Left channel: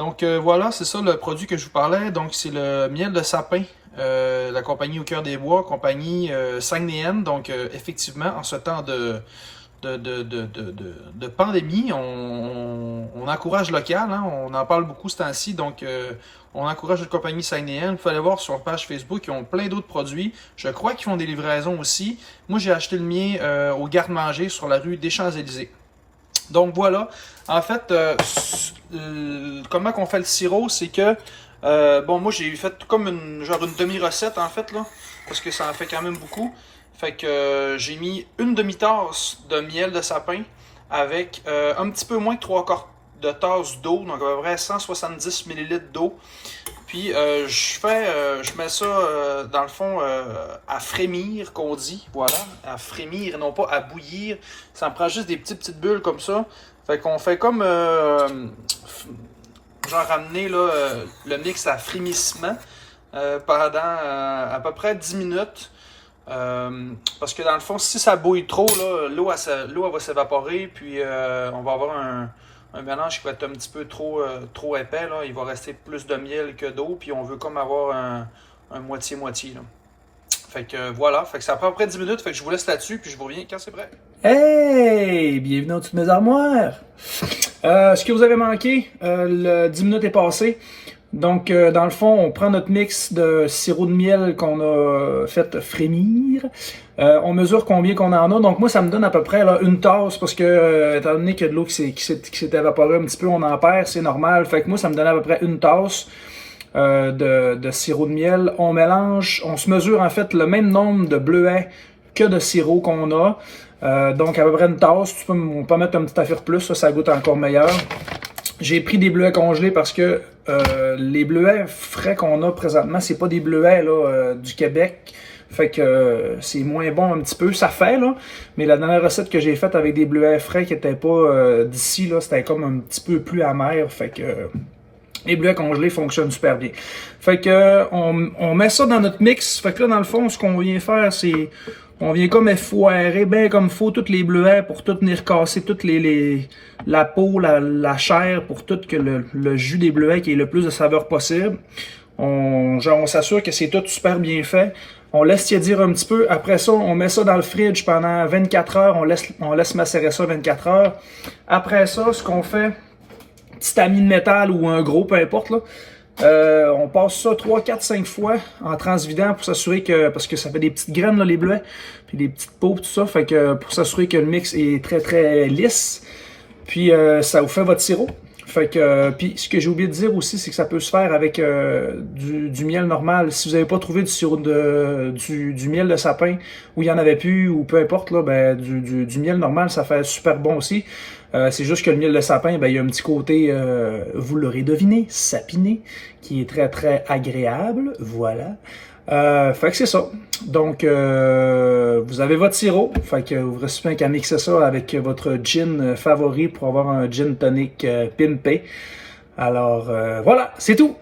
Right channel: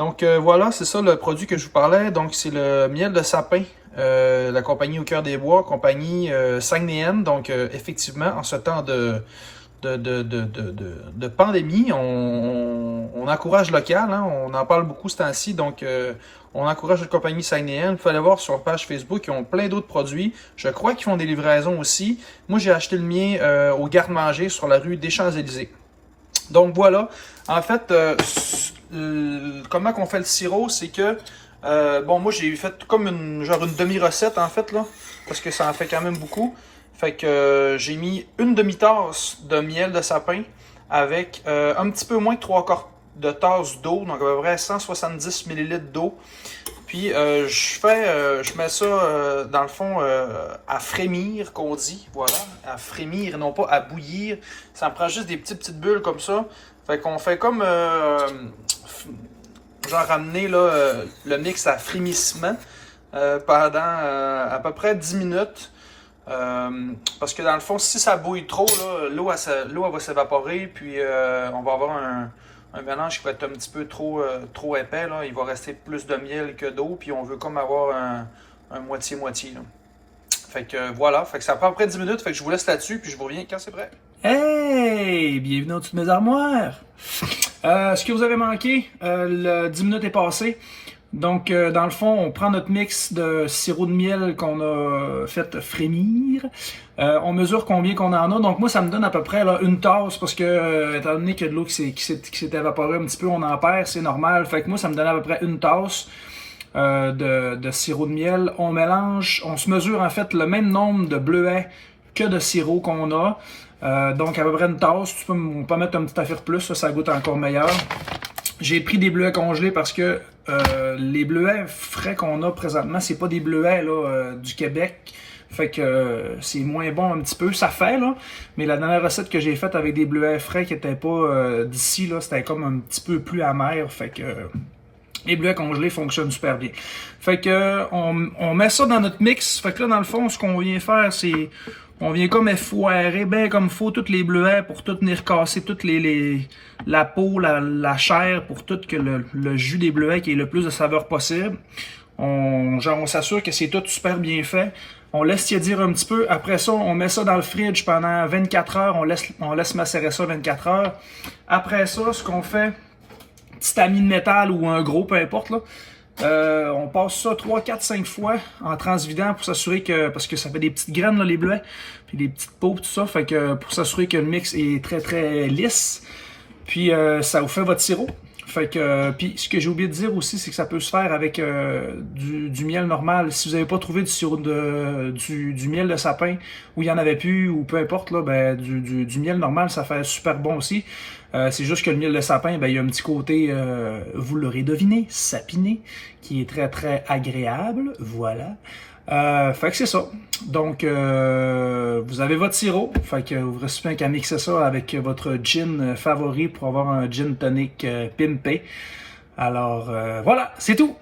Donc voilà, c'est ça le produit que je vous parlais. Donc c'est le miel de sapin, la compagnie Au Cœur des Bois, compagnie Saguenéenne. Donc effectivement, en ce temps de pandémie, on encourage local, hein, on en parle beaucoup ce temps-ci. Donc on encourage la compagnie Saguenéenne. Il faut aller voir sur la page Facebook, ils ont plein d'autres produits. Je crois qu'ils font des livraisons aussi. Moi, j'ai acheté le mien au garde-manger sur la rue des Champs-Élysées. Donc voilà, en fait, comment qu'on fait le sirop, c'est que, bon, moi j'ai fait comme une demi-recette en fait, là, parce que ça en fait quand même beaucoup. Fait que j'ai mis une demi-tasse de miel de sapin avec un petit peu moins de 3/4 de tasse d'eau, donc à peu près 170 ml d'eau. Puis je mets ça dans le fond à frémir, qu'on dit, voilà, à frémir, non pas à bouillir. Ça me prend juste des petites bulles comme ça. Fait qu'on fait comme genre ramener là, le mix à frémissement pendant à peu près 10 minutes. Parce que dans le fond, si ça bouille trop, l'eau elle va s'évaporer, puis on va avoir un mélange qui va être un petit peu trop épais. Là. Il va rester plus de miel que d'eau, puis on veut comme avoir un moitié-moitié. Là. Fait que voilà, fait que ça prend à peu près 10 minutes, fait que je vous laisse là-dessus, puis je vous reviens quand c'est prêt. Hey! Bienvenue dans toutes mes armoires! Ce que vous avez manqué, le 10 minutes est passé. Donc, dans le fond, on prend notre mix de sirop de miel qu'on a fait frémir. On mesure combien qu'on en a. Donc, moi, ça me donne à peu près là, une tasse parce que, étant donné qu'il y a de l'eau qui s'est évaporée un petit peu, on en perd, c'est normal. Fait que moi, ça me donne à peu près une tasse de sirop de miel. On mélange, on se mesure en fait le même nombre de bleuets que de sirop qu'on a. Donc, à peu près une tasse. On peut mettre une petite affaire plus, ça goûte encore meilleur. J'ai pris des bleuets congelés parce que les bleuets frais qu'on a présentement, c'est pas des bleuets là, du Québec. Fait que c'est moins bon un petit peu. Ça fait, là. Mais la dernière recette que j'ai faite avec des bleuets frais qui étaient pas d'ici, là, c'était comme un petit peu plus amer. Fait que les bleuets congelés fonctionnent super bien. Fait que on met ça dans notre mix. Fait que là, dans le fond, ce qu'on vient faire, c'est on vient comme effoirer bien comme il faut tous les bleuets pour tout venir casser toutes la peau, la chair, pour tout que le jus des bleuets qui ait le plus de saveur possible. On s'assure que c'est tout super bien fait. On laisse tiédir un petit peu. Après ça, on met ça dans le fridge pendant 24 heures. On laisse macérer ça 24 heures. Après ça, ce qu'on fait, petit tamis de métal ou un gros, peu importe, là. On passe ça 3, 4, 5 fois en transvidant pour s'assurer que, parce que ça fait des petites graines là, les bleuets, puis des petites peaux tout ça, fait que pour s'assurer que le mix est très très lisse, puis ça vous fait votre sirop. Fait que, puis ce que j'ai oublié de dire aussi, c'est que ça peut se faire avec du miel normal. Si vous n'avez pas trouvé du sirop du miel de sapin, ou il y en avait plus, ou peu importe, là, ben, du miel normal, ça fait super bon aussi. C'est juste que le miel de sapin, ben, il y a un petit côté, vous l'aurez deviné, sapiné, qui est très très agréable. Voilà. Fait que c'est ça. Donc, vous avez votre sirop. Fait que vous restez plus qu'à mixer ça avec votre gin favori pour avoir un gin tonic pimpé. Alors, voilà, c'est tout.